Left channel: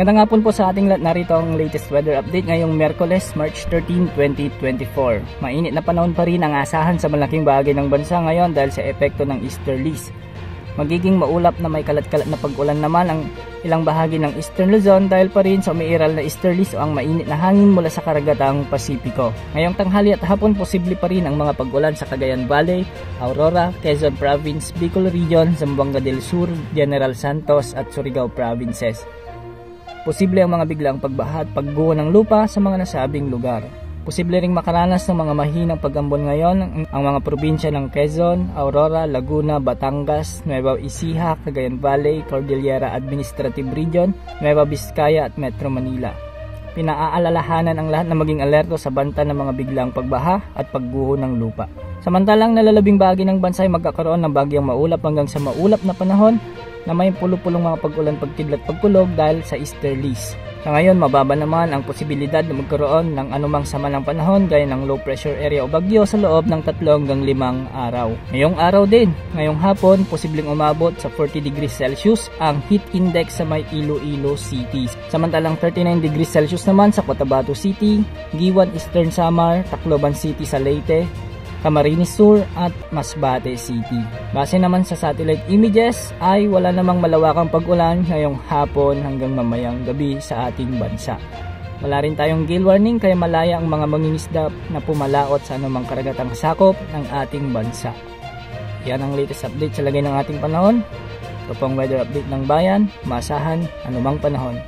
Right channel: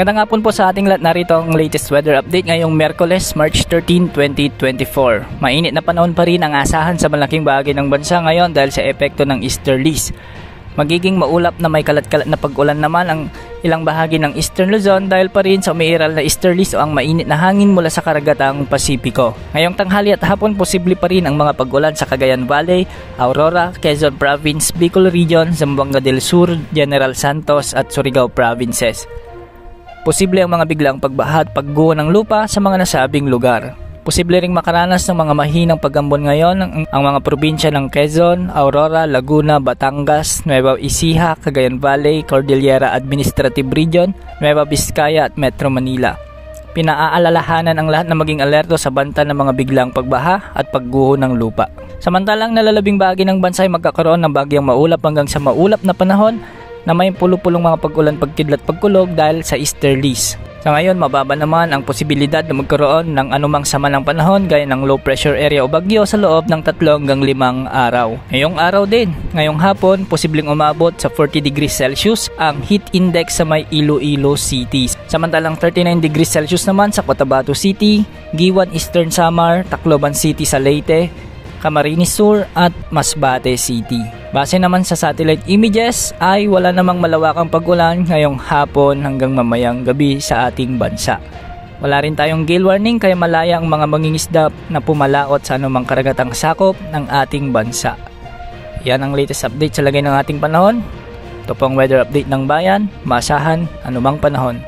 Magandang hapon po sa ating lahat. Narito ang latest weather update ngayong Miyerkules, March 13, 2024. Mainit na panahon pa rin ang asahan sa malaking bahagi ng bansa ngayon dahil sa epekto ng easterlies. Magiging maulap na may kalat-kalat na pag-ulan naman ang ilang bahagi ng Eastern Luzon dahil pa rin sa umiiral na easterlies o ang mainit na hangin mula sa karagatang Pasipiko. Ngayong tanghali at hapon, posible pa rin ang mga pag-ulan sa Cagayan Valley, Aurora, Quezon Province, Bicol Region, Zamboanga del Sur, General Santos at Surigao Provinces. Posible ang mga biglang pagbaha at pagguho ng lupa sa mga nasabing lugar. Posible ring makaranas ng mga mahinang pag-ambon ngayon ang mga probinsya ng Quezon, Aurora, Laguna, Batangas, Nueva Ecija, Cagayan Valley, Cordillera Administrative Region, Nueva Vizcaya at Metro Manila. Pinaaalalahanan ang lahat na maging alerto sa banta ng mga biglang pagbaha at pagguho ng lupa. Samantalang nalalabing bahagi ng bansa ay magkakaroon ng bagyang maulap hanggang sa maulap na panahon na may pulupulong mga pag-ulan, pagkidlat, pagkulog dahil sa easterlies. Sa ngayon, mababa naman ang posibilidad na magkaroon ng anumang sama ng panahon gaya ng low pressure area o bagyo sa loob ng 3 hanggang 5 araw. Ngayong araw din, ngayong hapon, posibleng umabot sa 40 degrees Celsius ang heat index sa may Iloilo City. Samantalang 39 degrees Celsius naman sa Cotabato City, Giwan Eastern Samar, Tacloban City sa Leyte, Camarines Sur at Masbate City. Base naman sa satellite images ay wala namang malawakang pag-ulan ngayong hapon hanggang mamayang gabi sa ating bansa. Wala rin tayong gale warning kaya malaya ang mga mangingisda na pumalaot sa anumang karagatang sakop ng ating bansa. Yan ang latest update sa lagay ng ating panahon. Ito po ang weather update ng bayan, maasahan anumang panahon.